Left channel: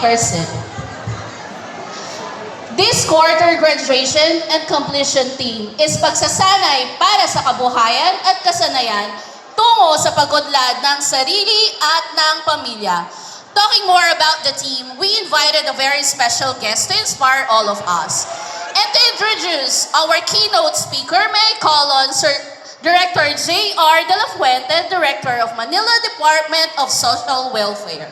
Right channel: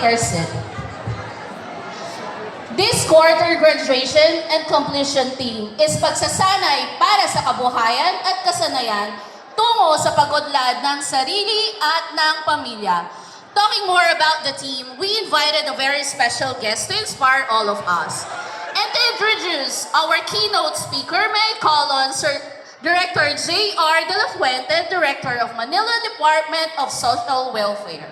take our seat. This quarter graduation and completion theme is pagsasanay para sa kabuhayan at kasanayan tungo sa pag-unlad ng sarili at ng pamilya. Talking more about the team, we invited a very special guest to inspire all of us. And to introduce our keynote speaker, may I call on Sir Director J.R. De La Fuente, Director of Manila Department of Social Welfare.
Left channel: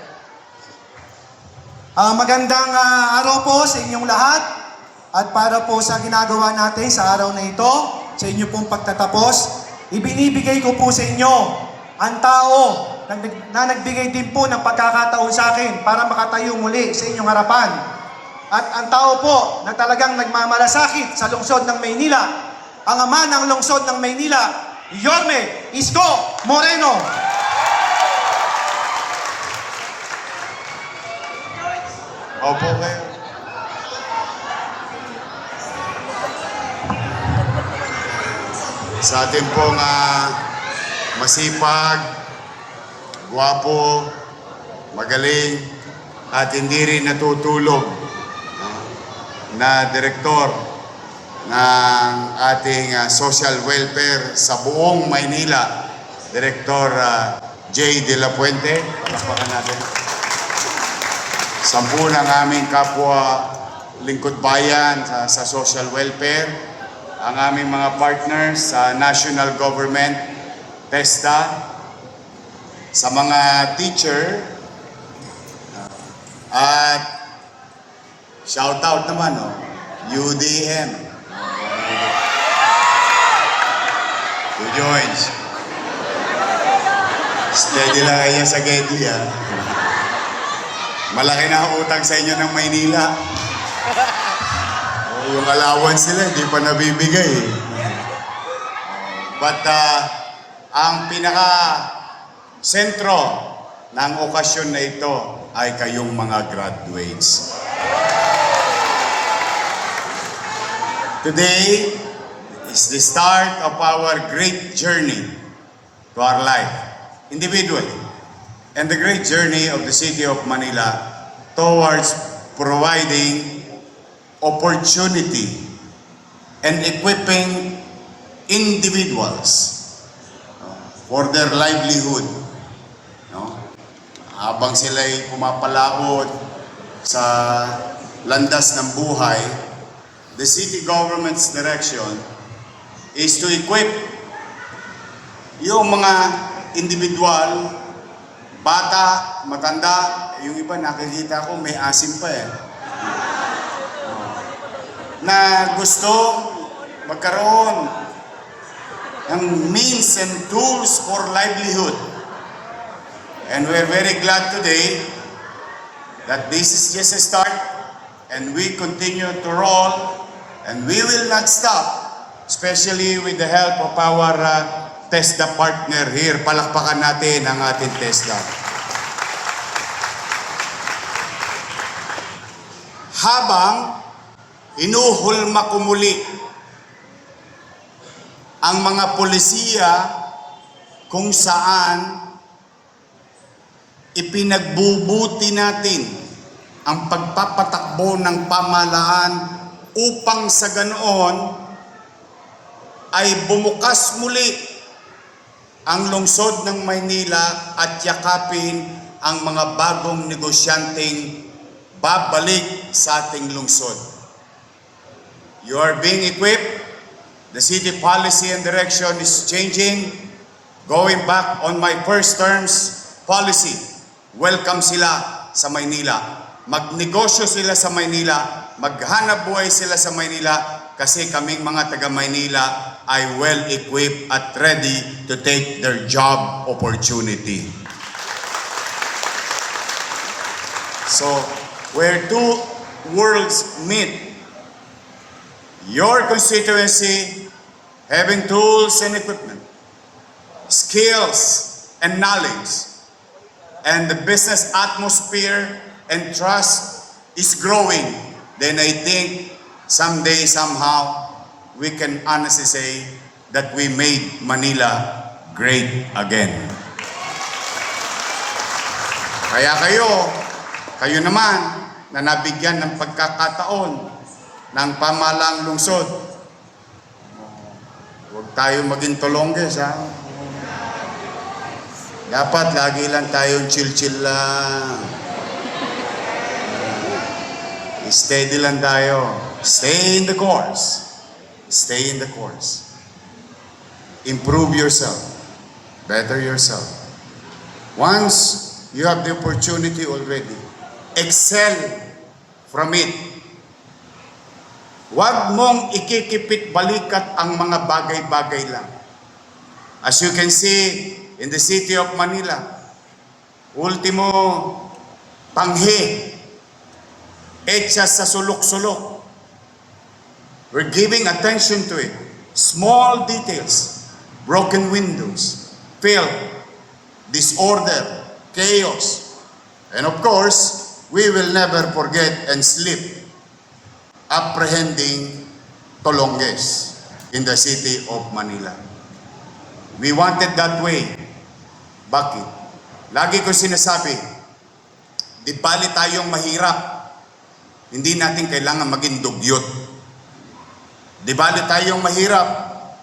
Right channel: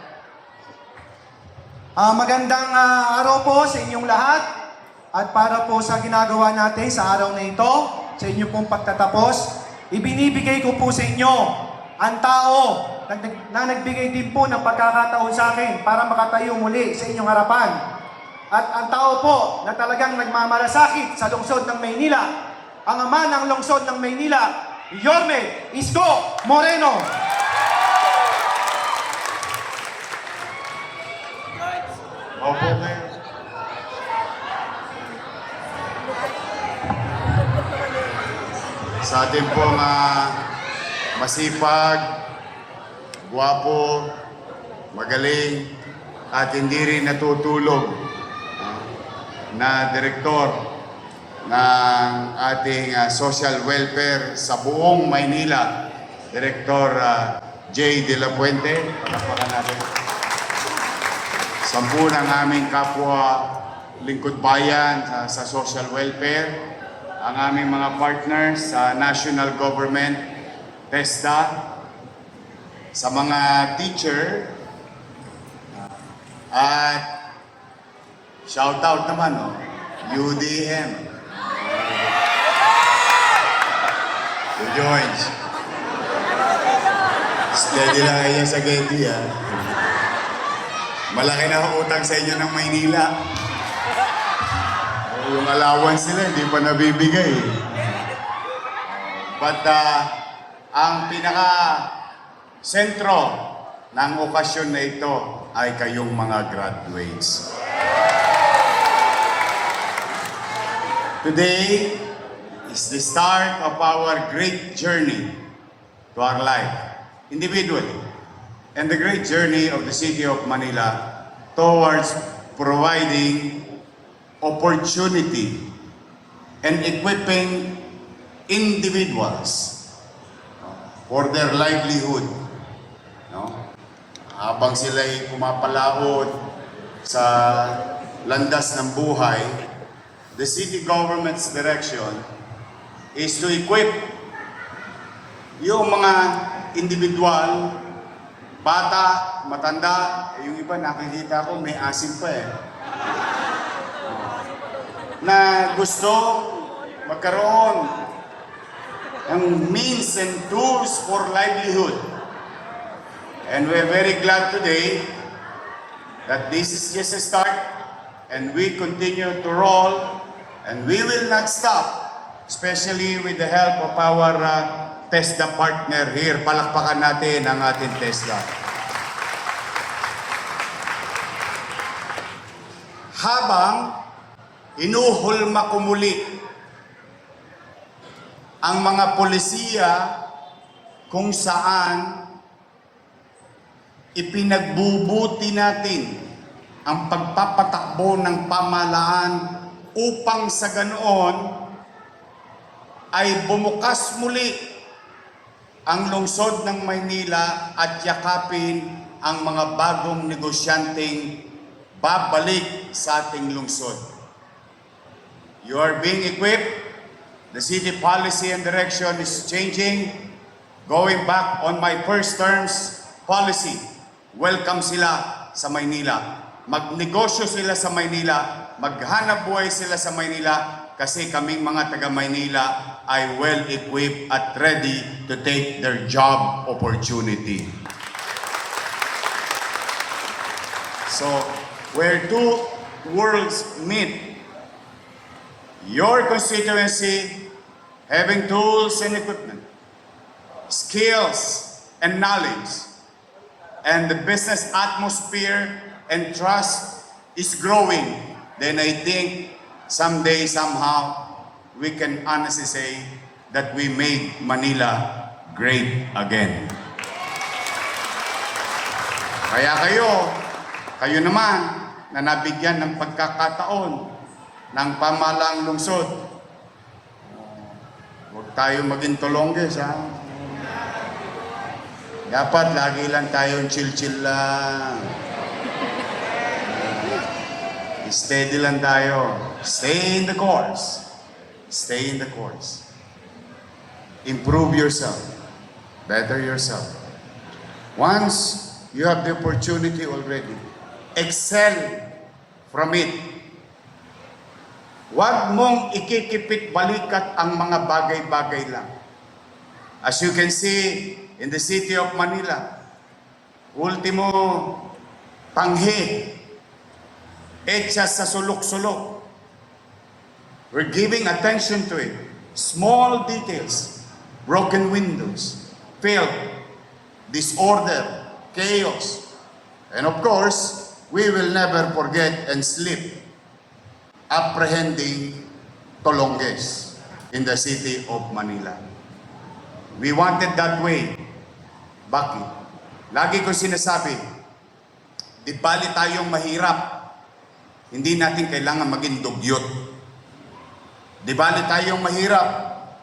Magandang araw po sa inyong lahat at para po sa ginagawa natin sa araw na ito, sa inyong pong pagtatapos, ibinibigay ko po sa inyo ang tao na nagbigay din po ng pagkakataon sa akin para makatayo muli sa inyong harapan. At ang tao po na talagang nagmamalasakit sa lungsod ng Maynila, ang ama ng lungsod ng Maynila, Yorme Isko Moreno. Opo kayo. Sa atin pong masipag, gwapo, magaling, at hindi rin natutulog na direktor ng ating social welfare sa buong Maynila, Director J. De La Fuente. Palakpakan natin. 10 ng aming kapwa lingkod bayan sa social welfare, ang aming mga partners sa national government, TESDA, sa mga teacher, at shout out naman, UDM. Who joins? Steady lang kayo sa Getty, Malaki na ang utang sa inyo ng Maynila. Yung allowance nila, hindi pa nabibigay. But ang pinaka-sentro ng okasyon na ito ay kayong mga graduates. Today is the start of our great journey to our life, individually, and the great journey of the City of Manila towards providing opportunity and equipping individuals for their livelihood. Habang sila'y pumapalabot sa landas ng buhay, the city government's direction is to equip yung mga individual, bata, matanda, yung iba nakikita ko may asim pa na gusto magkaroon ng means and tools for livelihood. And we're very glad today that this is just a start and we continue to roll and we will not stop, especially with the help of our TESDA partner here. Palakpakan natin ang ating TESDA. Habang inuhulma ko muli ang mga polisiya kung saan ipinagbubuti natin ang pagpapatakbo ng pamahalaan upang sa ganoon ay bumukas muli ang lungsod ng Maynila at yakapin ang mga bagong negosyanteng babalik sa ating lungsod. You are being equipped. The city policy and direction is changing. Going back on my first term's policy, welcome sila sa Maynila. Magnegosyo sila sa Maynila, maghanap buhay sila sa Maynila kasi kaming mga taga Maynila ay well equipped at ready to take their job opportunity. So, where two worlds meet, your constituency having tools and equipment, skills and knowledge, and the business atmosphere and trust is growing, then I think someday, somehow, we can honestly say that we made Manila great again. Kaya kayo, Kayo naman na nabigyan ng pagkakataon ng pamahalaang lungsod. Huwag tayo maging tulongges, ha? Dapat lagi lang tayong chill-chill lang. Steady lang tayo. Stay in the course. Stay in the course. Improve yourself. Better yourself. Once you have the opportunity already, excel from it. Huwag mong ikikipit balikat ang mga bagay-bagay lang. As you can see in the city of Manila, ultimo tanghe, etsa sa sulok-sulok. We're giving attention to it. Small details, broken windows, filth, disorder, chaos. And of course, we will never forget and sleep apprehending Tolonges in the city of Manila. We wanted that way. Bakit? Lagi ko sinasabi, di bali tayong mahirap, hindi natin kailangan maging dugyot. Di bali tayong mahirap,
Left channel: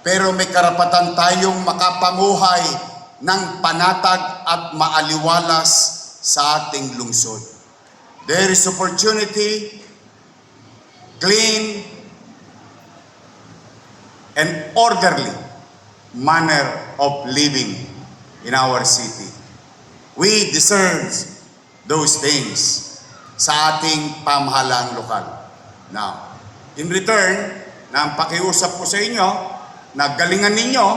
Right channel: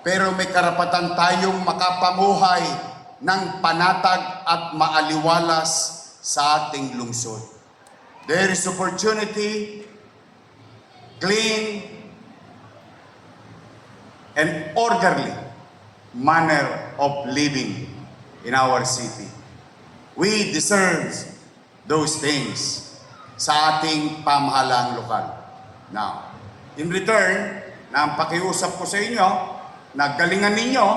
pero may karapatan tayong makapamuhay ng panatag at maaliwalas sa ating lungsod. There is opportunity, clean, and orderly manner of living in our city. We deserve those things sa ating pamahalaang lokal. Now, in return, na ang pakiusap ko sa inyo, na galingan ninyo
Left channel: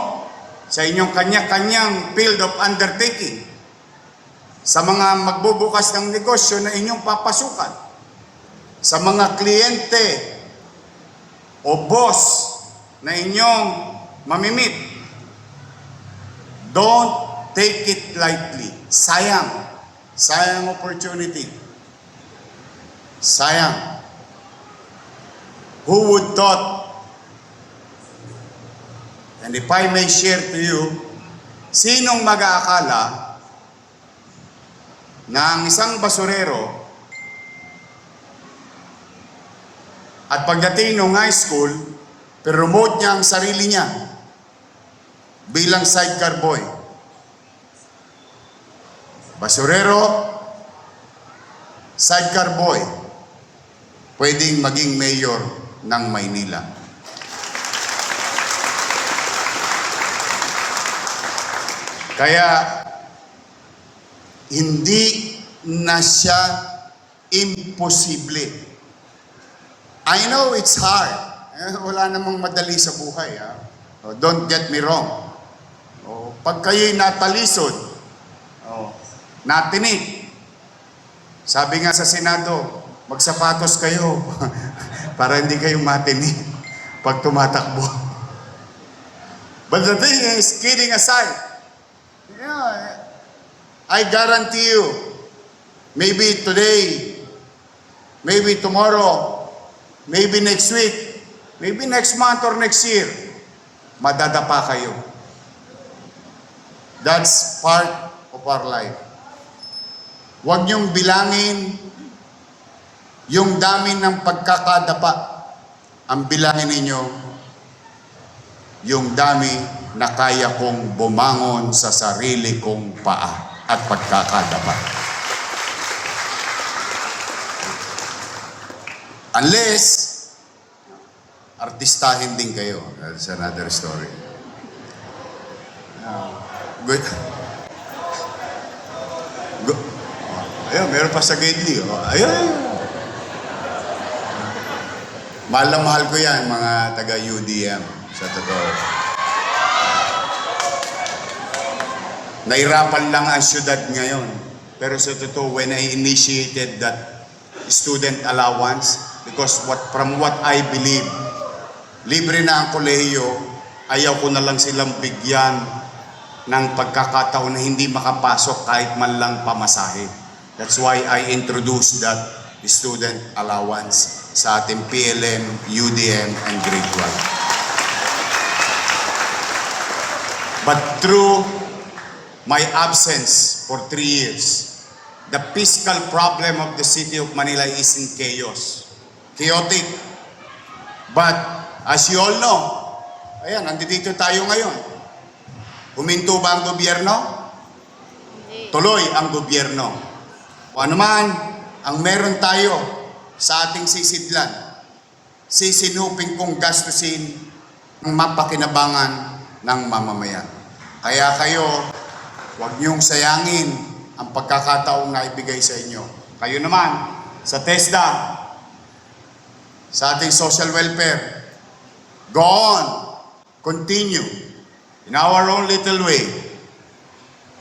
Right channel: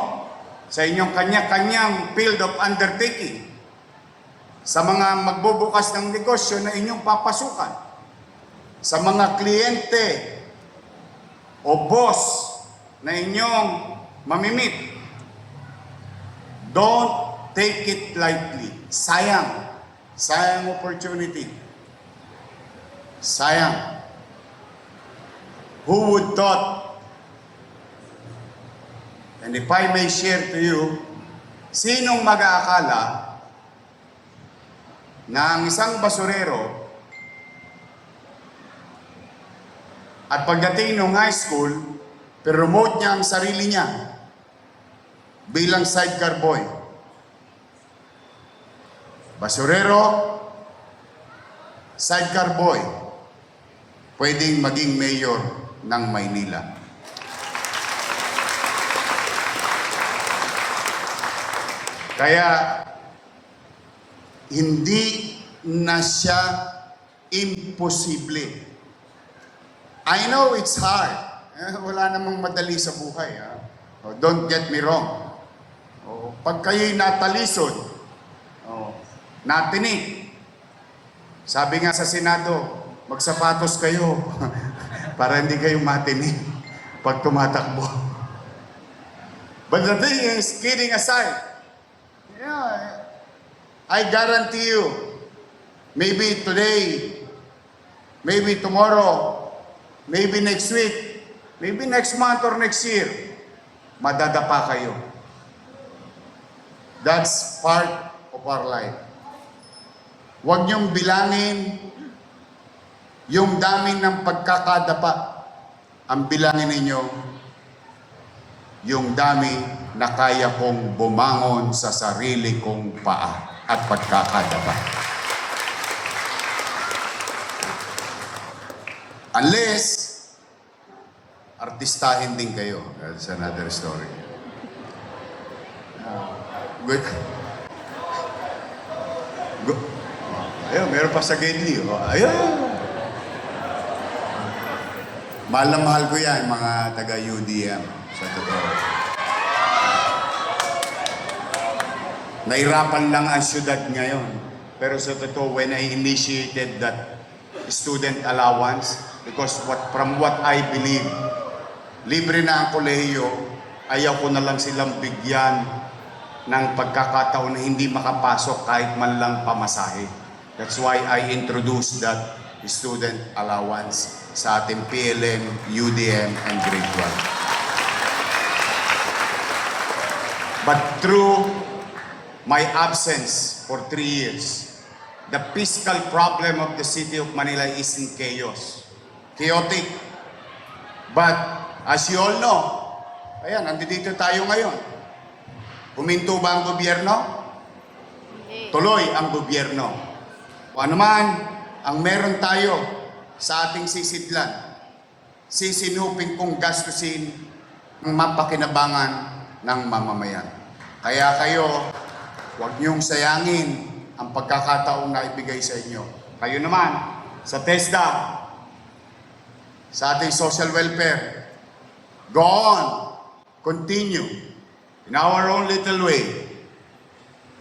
sa inyong kanya-kanyang field of undertaking, sa mga magbubukas ng negosyo na inyong papasukan, sa mga kliyente o boss na inyong mamimit, don't take it lightly. Sayang. Sayang opportunity. Sayang. Who would thought? And if I may share to you, sinong mag-aakala na ang isang basurero at pagdating ng high school, promote niya ang sarili niya bilang sidecar boy. Basurero, sidecar boy, pwedeng maging mayor ng Maynila. Kaya, hindi na siya imposible. I know it's hard. Wala namang madali sa buhay. Don't get me wrong. Pag kayo'y natalisod, natinig, sabi nga sa Senado, magsapatos kayo para hindi kayo matinig pag tumatakbo. But the thing is, kidding aside, I guarantee you, maybe today, maybe tomorrow, maybe next week, maybe next month or next year, madadapa kayo. That's part of our life. Huwag niyong bilangin yung dami ng pagkakadapa. Ang bilangin ninyo, yung dami na kaya kong bumangon sa sarili kong paa at pagkakadapa. Unless, artistahin din kayo. That's another story. Good. Ayun, meron pa sa Gedli. Ayun. Mahal na mahal ko yan, mga taga-UDM. Sa totoo. Nahirapan lang ang syudad ngayon. Pero sa totoo, when I initiated that student allowance, because from what I believe, libre na ang kolehiyo, ayaw ko na lang silang bigyan ng pagkakataon na hindi makapasok kahit man lang pamasahe. That's why I introduced that student allowance sa ating PLM, UDM, and Grade 12. But through my absence for 3 years, the fiscal problem of the city of Manila is in chaos. Chaotic. But as you all know, ayan, nandito tayo ngayon. Huminto ba ang gobyerno? Tuloy ang gobyerno. O ano man ang meron tayo sa ating sisidlan, sisinupin kong gastusin ng mapakinabangan ng mamamayan. Kaya kayo, huwag niyong sayangin ang pagkakataong na ibigay sa inyo. Kayo naman, sa TESDA, sa ating social welfare, go on, continue. In our own little way,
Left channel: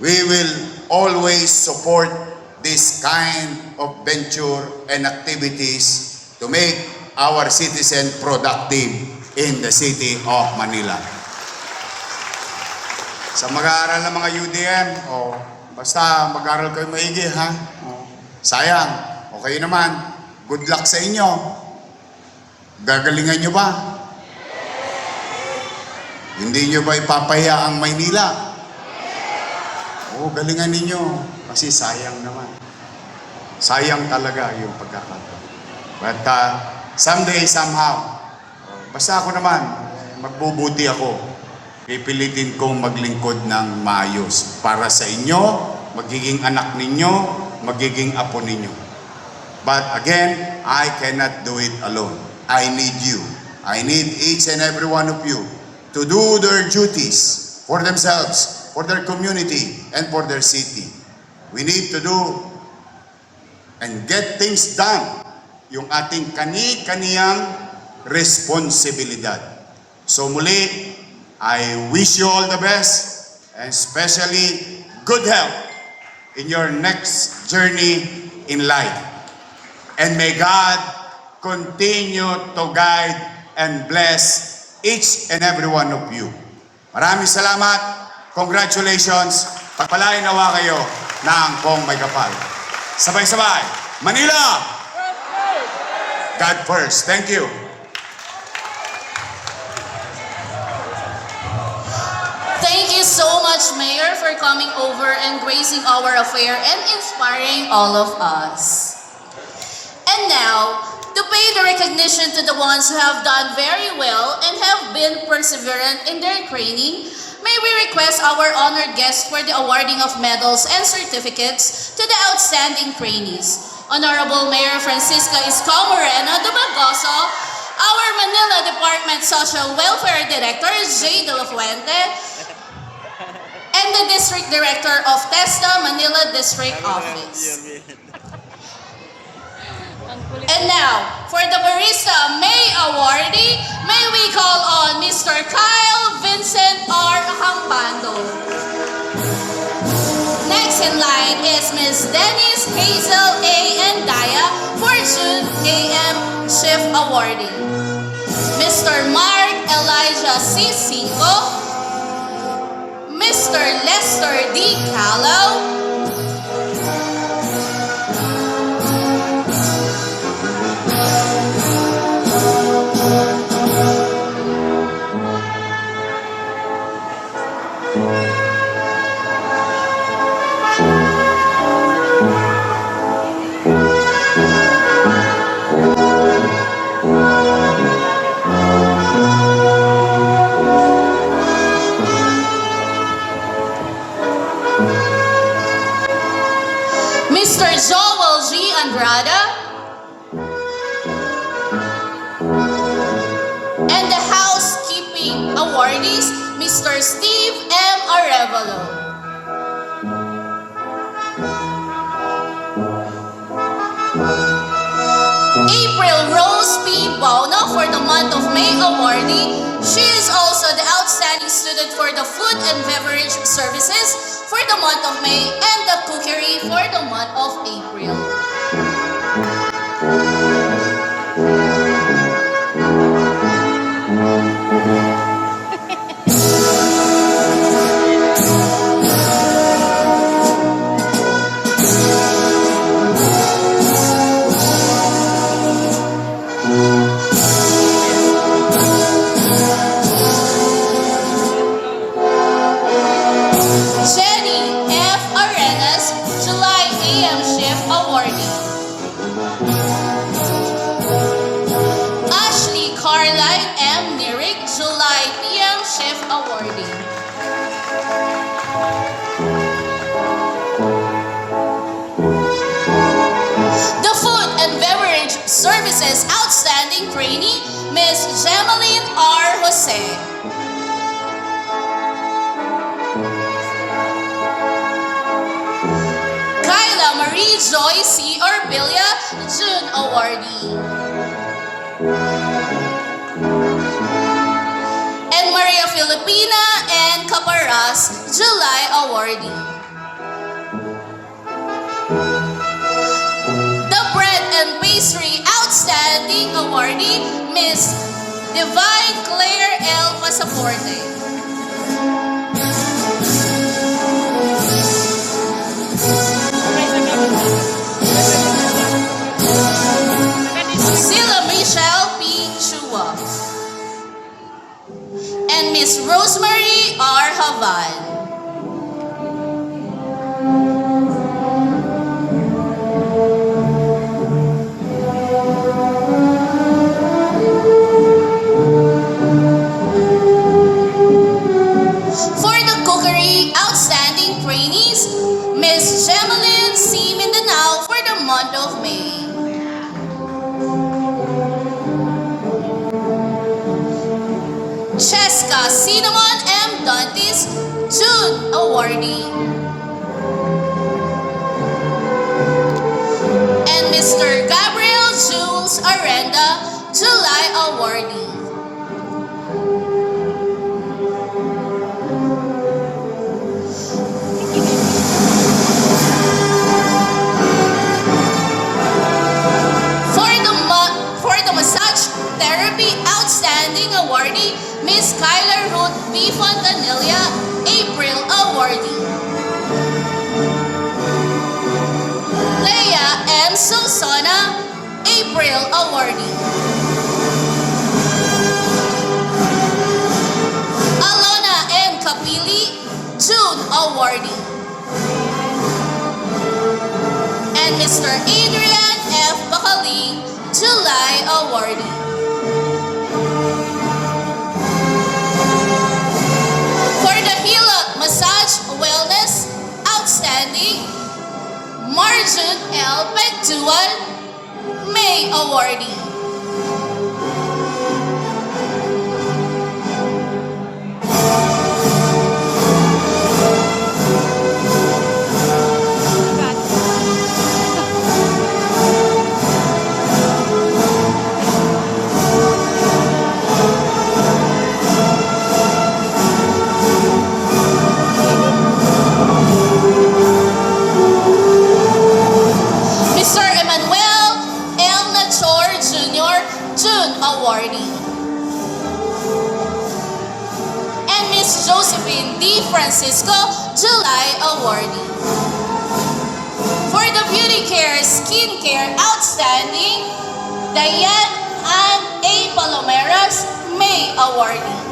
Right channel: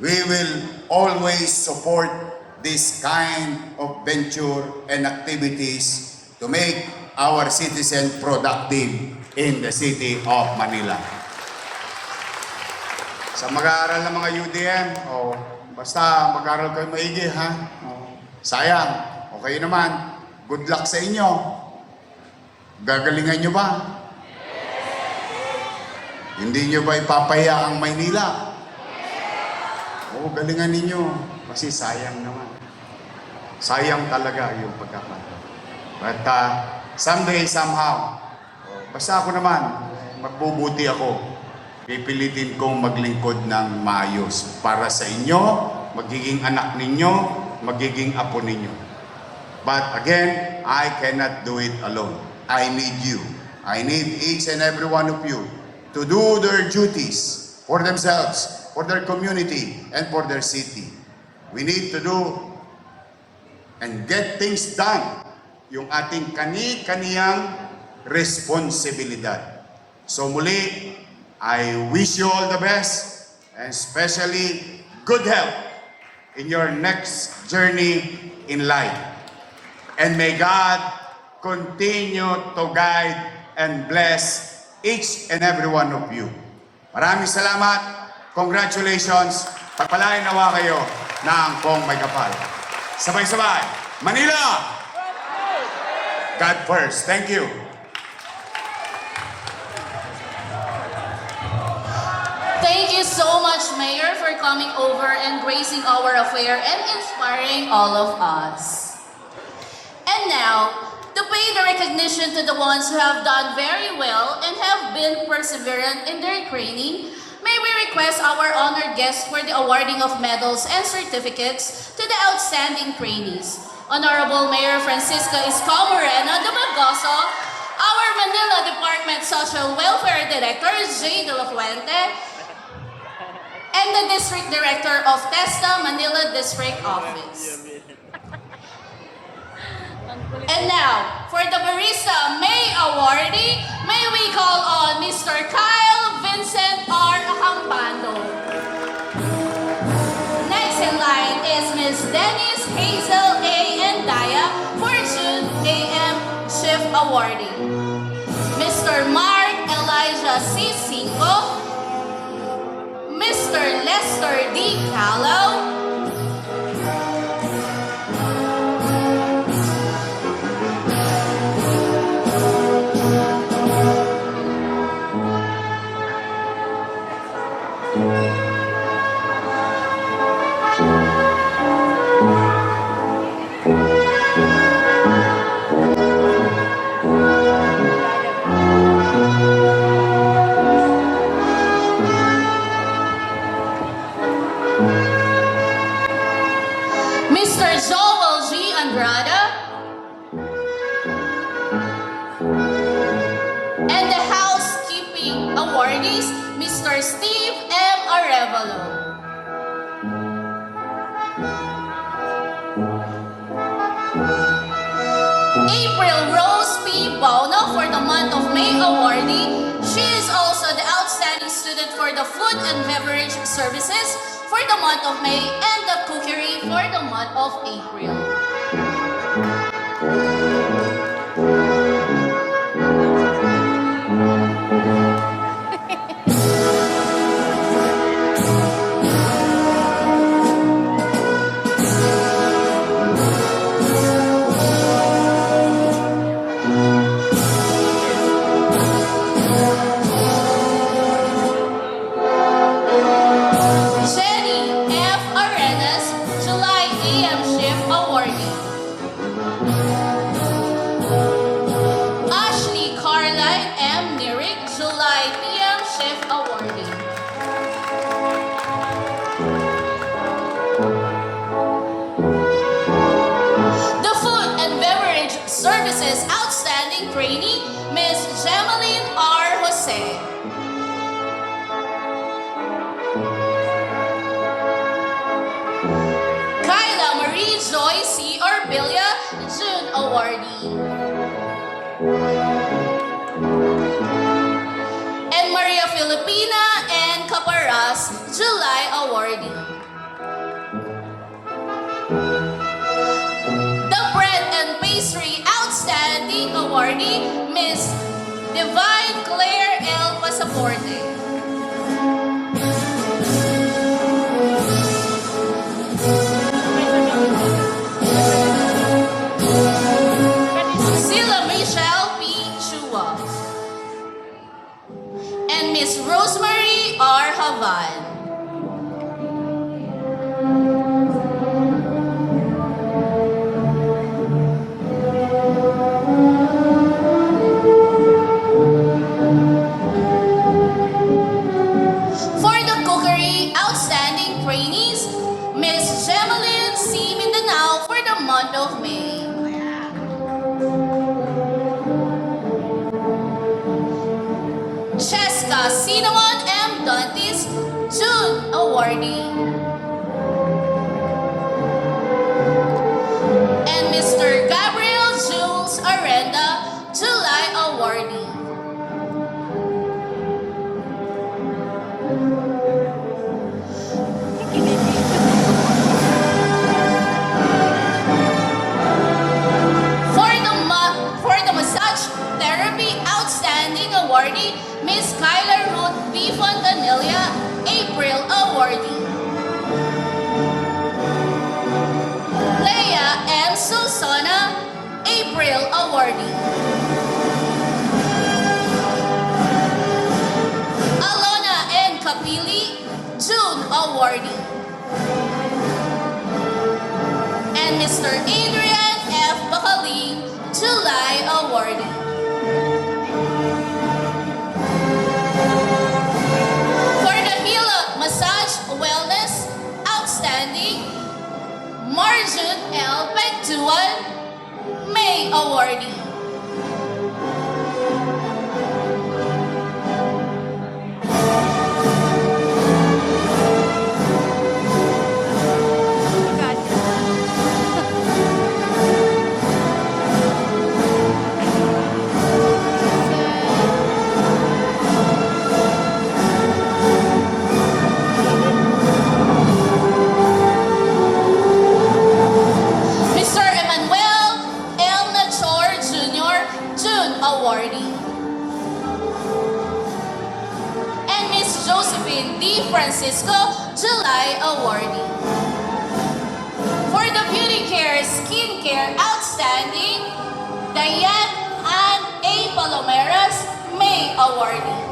we will always support this kind of venture and activities to make our citizens productive in the city of Manila. Sa mag-aaral ng mga UDM, basta mag-aaral kayo maigi, ha? Sayang, okay naman, good luck sa inyo. Gagalingan nyo ba? Hindi nyo ba ipapahiya ang Maynila? Oo, galingan ninyo. Kasi sayang naman. Sayang talaga yung pagkakataon. But someday, somehow, basta ako naman, magbubuti ako. Pipilitin kong maglingkod ng maayos para sa inyo, magiging anak ninyo, magiging apo ninyo. But again, I cannot do it alone. I need you. I need each and every one of you to do their duties for themselves, for their community, and for their city. We need to do and get things done, yung ating kani-kaniyang responsibilidad. So muli, I wish you all the best, and especially good health in your next journey in life. And may God continue to guide and bless each and every one of you. Maraming salamat. Congratulations. Pagpalain nawa kayo ng kong may kapal. Sabay-sabay. Manila! God first. Thank you. Thank you so much, Mayor, for coming over and gracing our affair and inspiring all of us. And now, to pay the recognition to the ones who have done very well and have been perseverant in their training, may we request our honored guests for the awarding of medals and certificates to the outstanding trainees. Honorable Mayor Francisca Isco Moreno Dumagoso, our Manila Department Social Welfare Director J. De La Fuente, and the District Director of TESDA Manila District Office. And now, for the Barista May Awardee, may we call on Mr. Kyle Vincent R. Hampando. Next in line is Ms. Dennis Hazel A. Endaya, Fortune AM Chef Awardee. Mr. Mark Elijah C. Cinco, Mr. Lester D. Callow, Mr. Joel G. Andrada, and the housekeeping awardees, Mr. Steve M. Arevalo. April Rose P. Bono for the month of May awardee. She is also the outstanding student for the food and beverage services for the month of May and the cookery for the month of April. Jenny F. Arenas, July AM shift. Forte. Sila Michelle P. Chua. And Miss Rosemary R. Havan. For the cookery outstanding trainees, Miss Gemelyn C. Mindanao for the month of May. Cheska Cinnamon M. Dantes, June awardee. And Mr. Gabriel Jules Arenda, July awardee. For the massage therapy outstanding awardee, Miss Kyler Ruth B. Fontanilla, April awardee. Leia M. Susana, April awardee. Alona N. Kapili, June awardee. And Mr. Adrian F. Bacali, July awardee. For the Hilot Massage Wellness Outstanding, Marjun L. Pegduan, May awardee. Mr. Emmanuel L. Nachor Jr., June awardee. And Miss Josephine D. Francisco, July awardee. For the Beauty Care Skin Care Outstanding, Diane Ann A. Palomeras, May awardee.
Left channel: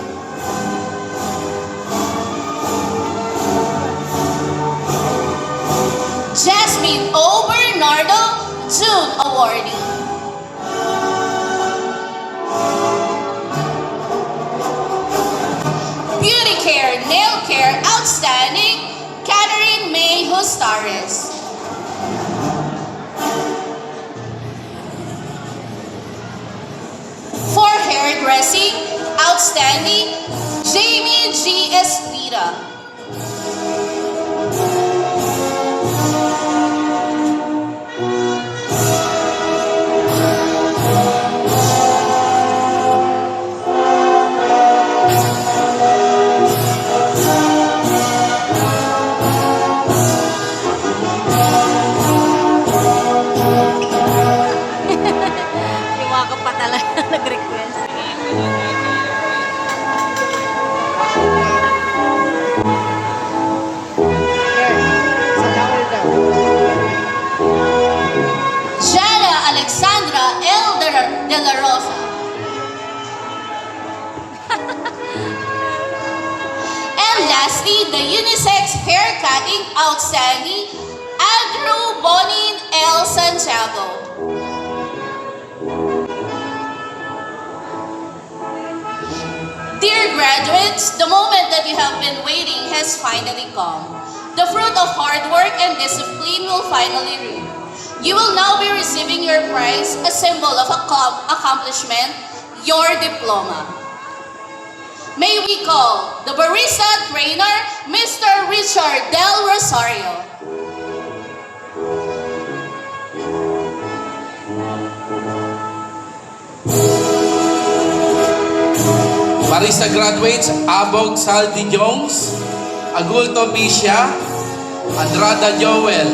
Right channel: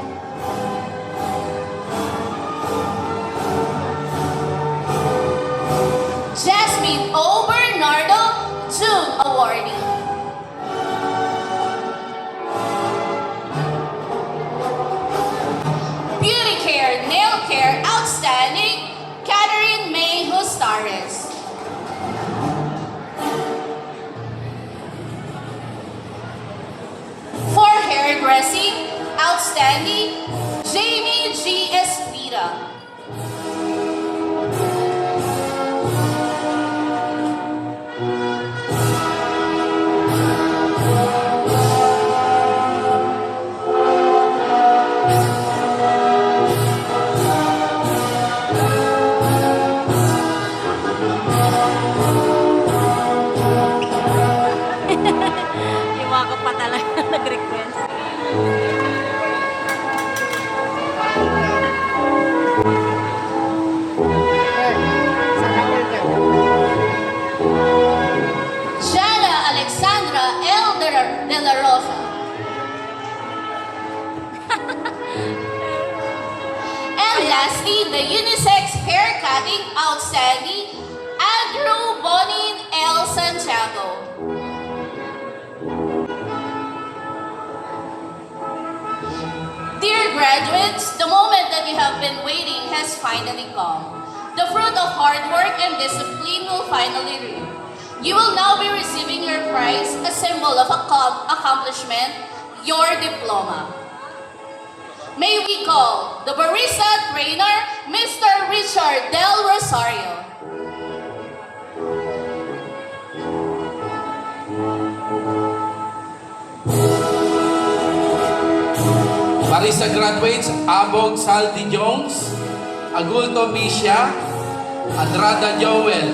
Jasmine O. Bernardo, June awardee. Beauty Care Nail Care Outstanding, Catherine May Hustares. For Hairdressing Outstanding, Jamie G. Espira. Iwaka pa talaga nag-request. Jana Alexandra L. De La Rosa. And lastly, the unisex hair cutting outstanding, Andrew Bonin L. Santiago. Dear graduates, the moment that you have been waiting has finally come. The fruit of hard work and discipline will finally reap. You will now be receiving your prize, a symbol of accomplishment, your diploma. May we call the barista trainer, Mr. Richard Del Rosario. Barista graduates, Abog Saldi Jones, Agulto Bisha, Andrada Joel,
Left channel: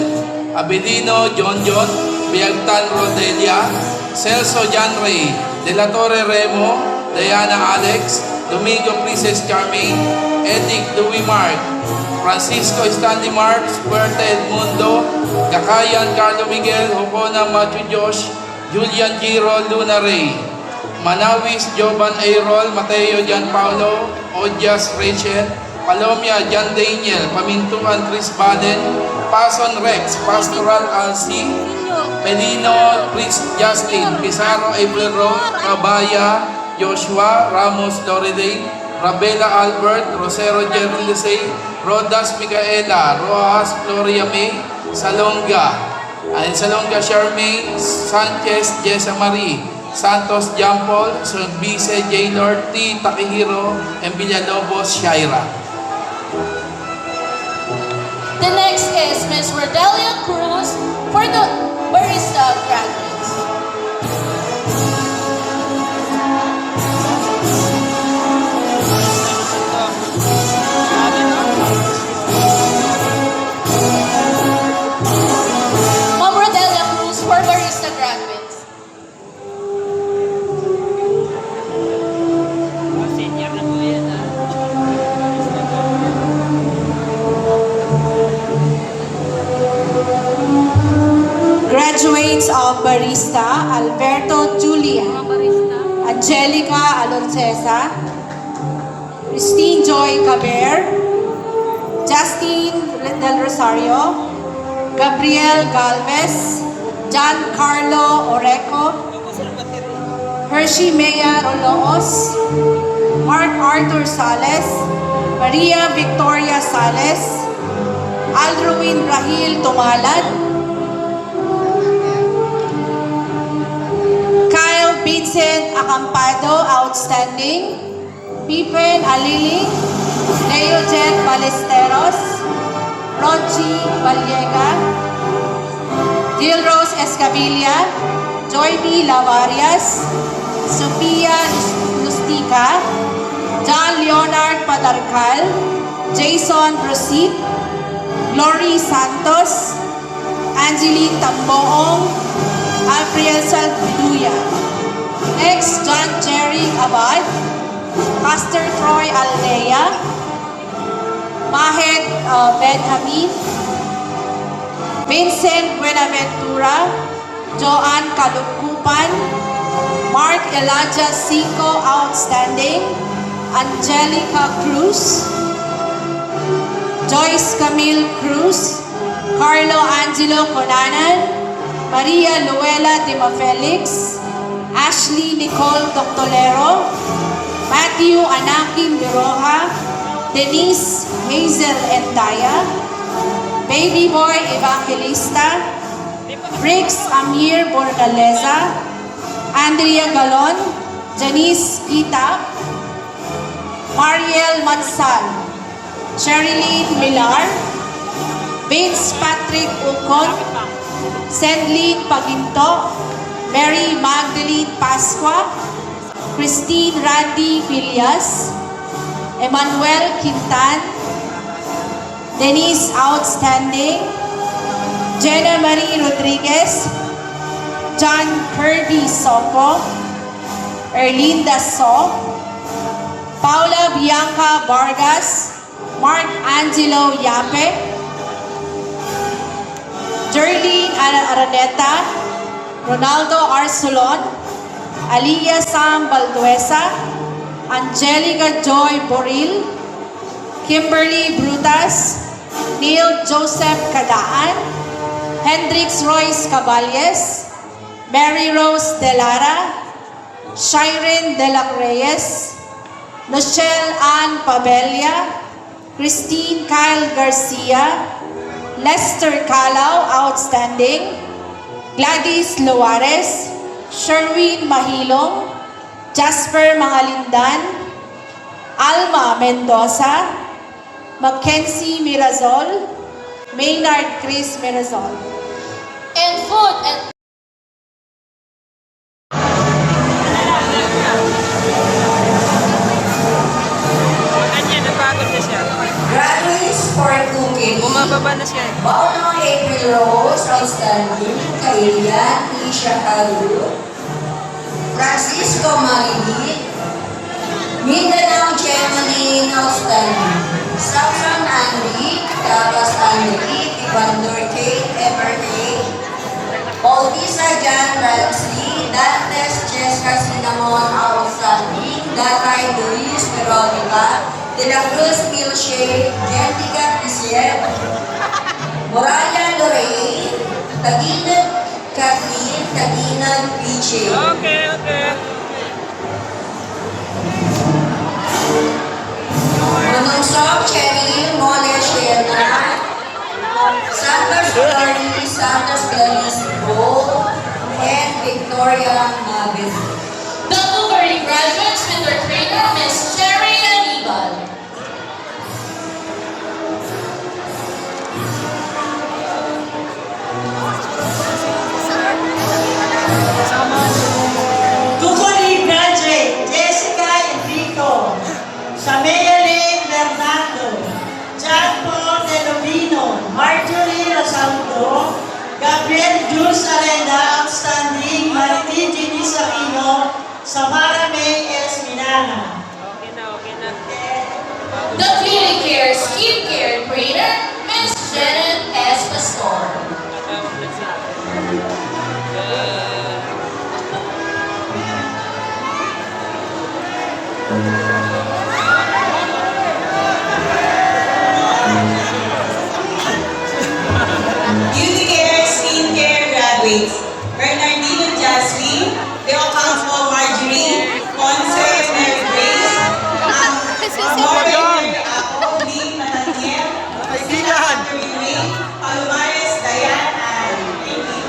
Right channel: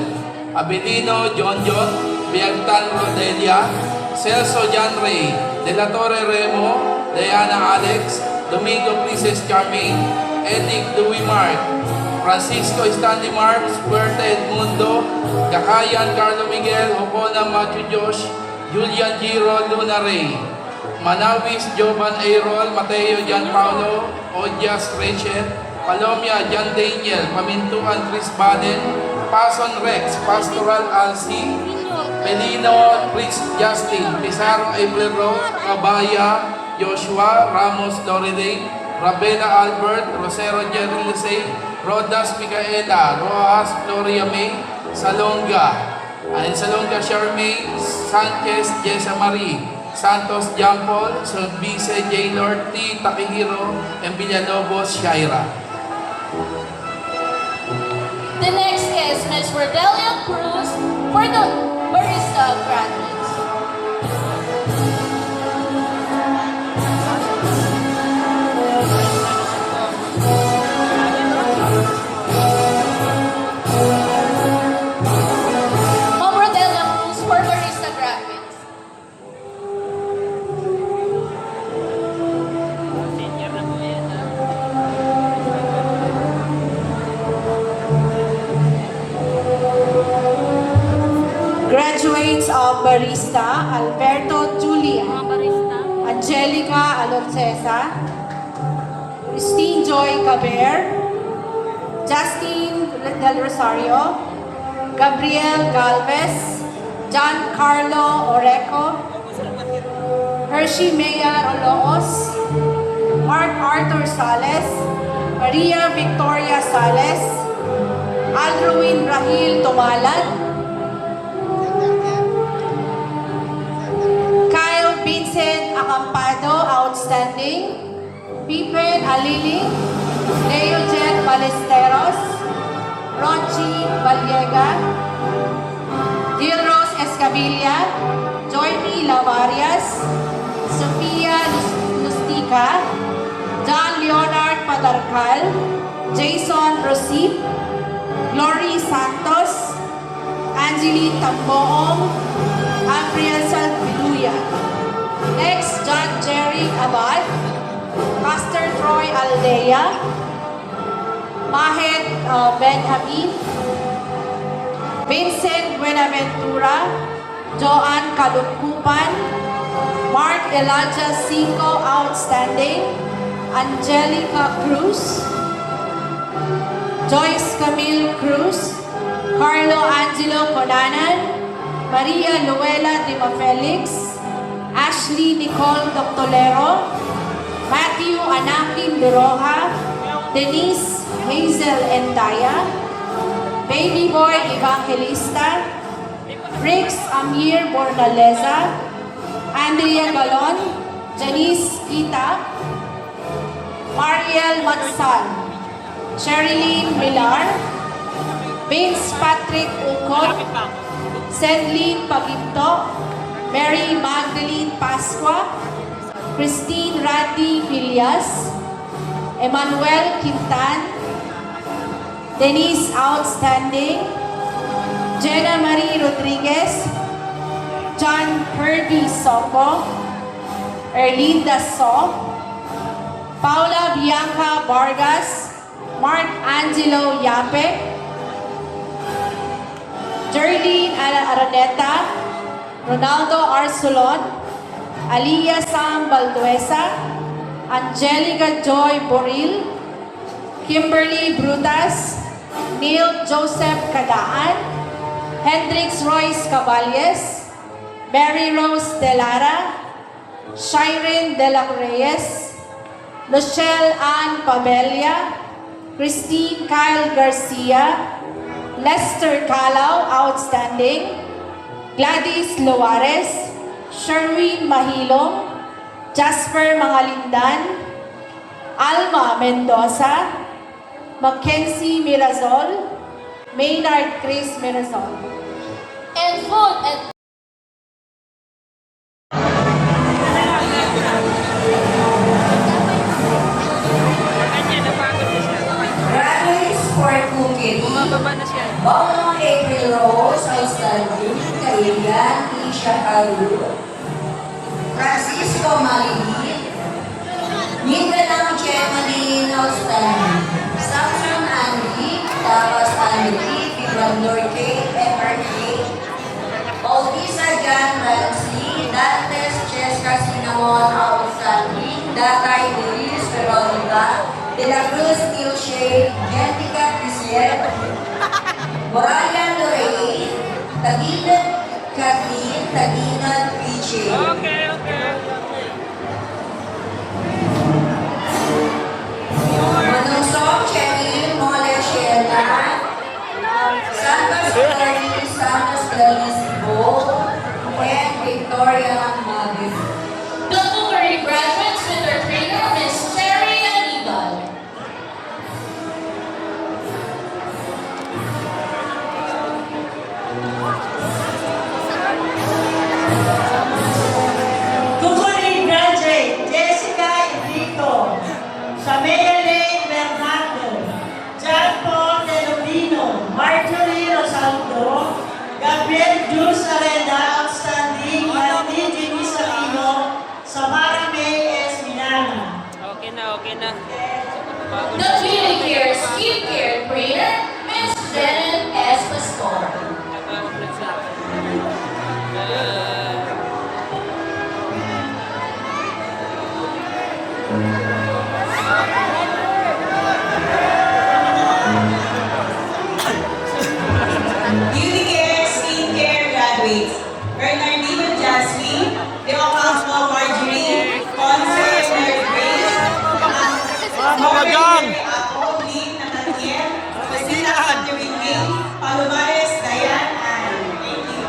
Abilino John John, Biagtan Rodelia, Celso Jan Ray, De La Torre Remo, Diana Alex, Domingo Princess Charmaine, Edic Louis Mark, Francisco Stanley Marks, Puerta Edmundo, Gakayan Carlo Miguel, Hopona Matthew Josh, Julian Giro Luna Ray, Manawis Jovan Ayrol, Mateo Jan Paulo, Odias Rachel, Palomia Jan Daniel, Pamintuan Tris Baden, Pason Rex, Pastoral Alci, Melino Chris Justin, Pizarro Ablero, Cabaya, Joshua, Ramos Loreday, Rabela Albert, Rosero Jerry Lisey, Rodas Micaela, Rojas Gloria May, Salonga, Charmaine, Sanchez Jessa Marie, Santos Jampol, Sulbice J. Lord T. Takihiro, and Villalobos Shaira. The next is Miss Rodelia Cruz for the Barista graduates. Ma'am Rodelia Cruz for Barista graduates. Senior na po yan, ah. Graduates of Barista, Alberto Julian, Mga barista. Angelica Alorcesa, Christine Joy Caber, Justin Del Rosario, Gabriel Galvez, John Carlo Oreco, Hershey Maya Oloos, Mark Arthur Sales, Maria Victoria Sales, Aldruin Rahil Tumalad, Kyle Vincent Acampado, outstanding. Pipen Aliling, Leojet Balesteros, Rochi Vallega, Dilrose Escamilla, Joy B. Lavarias, Sofia Lustica, John Leonard Padarcal, Jason Rosit, Glory Santos, Angelique Tamboong, April Salduya. Next, John Jerry Abad, Pastor Troy Aldea, Mahed Benjamin, Vincent Buenaventura, Joanne Kalukupan, Mark Elijah Cinco, outstanding, Angelica Cruz, Joyce Camille Cruz, Carlo Angelo Conanan, Maria Luela Dima Felix, Ashley Nicole Doctolero, Matthew Anakin Biroha, Denise Hazel Endaya, Baby Boy Evangelista, Rix Amir Borgaleza, Andrea Galon, Janice Kita, Mariel Matsal, Sherilyn Millar, Vince Patrick Ukot, Senlin Paginto, Mary Magdalene Pasqua, Christine Rati Villas, Emmanuel Quintan, Denise Outstanding, Jenna Marie Rodriguez, John Kirby Soco, Erlinda So, Paula Bianca Vargas, Mark Angelo Yape, Jerlyn Araneta, Ronaldo Arsulon, Aliyah Sam Balduesa, Angelica Joy Boril, Kimberly Brutas, Neil Joseph Kadaan, Hendrix Royce Caballes, Mary Rose Delara, Shiren De La Reyes, Michelle Ann Pabelia, Christine Kyle Garcia, Lester Calao, outstanding, Gladys Luares, Sherwin Mahilo, Jasper Mahalindan, Alma Mendoza, Mackenzie Mirazol, Maynard Chris Mirazol. And food and Kanya, napagod na siya. Graduates for cooking. Bumababa na siya. Maunang April Rose, outstanding. Kailan, Isha Cairo. Francisco Marini. Mindanao Valor K, MRK, Bautista John Ramsey, Dantes Jessica Cinnamon Outstanding, Datay Luis Veronica, De La Cruz Milshade, Jessica Pizer, Moraya Lorraine, Taginad Kathleen, Taginad Piche. Okay, okay. Manungsok Cheryl Mole Shena, Santos Glory, Santos Gladys Bo, and Victoria Navis. The Bukari graduates with their trainer, Miss Cherry Anibal. Kukuri graduate Jessica Enrico, Shamea Lane Bernardo, John Paul Delobino, Marjorie Rosaldo, Gabriel Jules Arenda, Outstanding, Martin Jenny Sarino, Samara May S. Minana. Okay na, okay na. The Beauty Care Skincare trainer, Miss Janet S. Pastor. Beauty Care Skincare graduates, Bernardino Jasmine, De Ocampo Marjorie, Ponce Mary Grace, Morgan Ako, Lee Nathaniel, Christina Catherine May, Palomares Diane Ann. Thank you.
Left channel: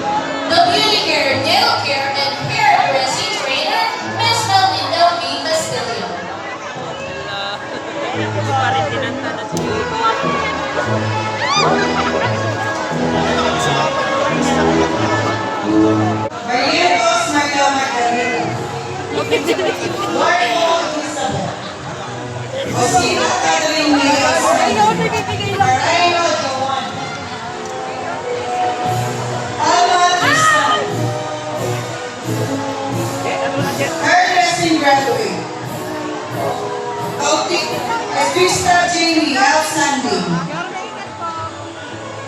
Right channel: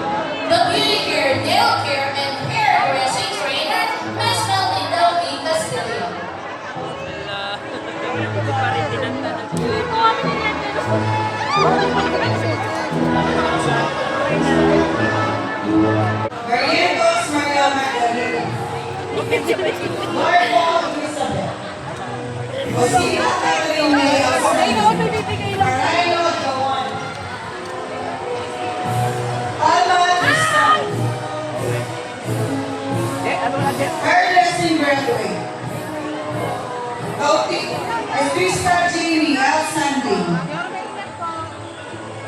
The Beauty Care Nail Care and Hair Dressing trainer, Miss Melinda V. Castillo. Parang pinanta na siya. Maria Rose Maria Magdalena, Marco Elizabeth, Rosina Catherine May Osman, Marino Joan, Alma Tristan, hairdressing graduate, Krista Jamie Outstanding,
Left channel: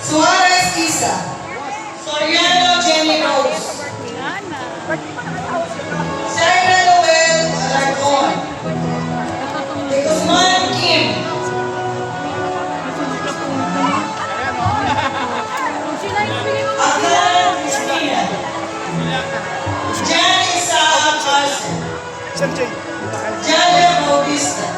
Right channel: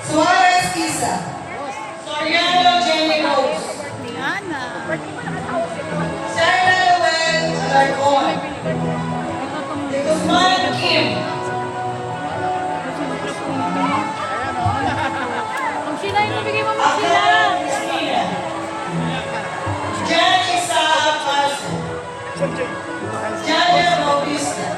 Suarez Isa, Soriano Jenny Rose, Sarah Noel Alarcon, De Guzman Kim, Akala Cristina, Jan Isaac Carlson, Jalia Bautista,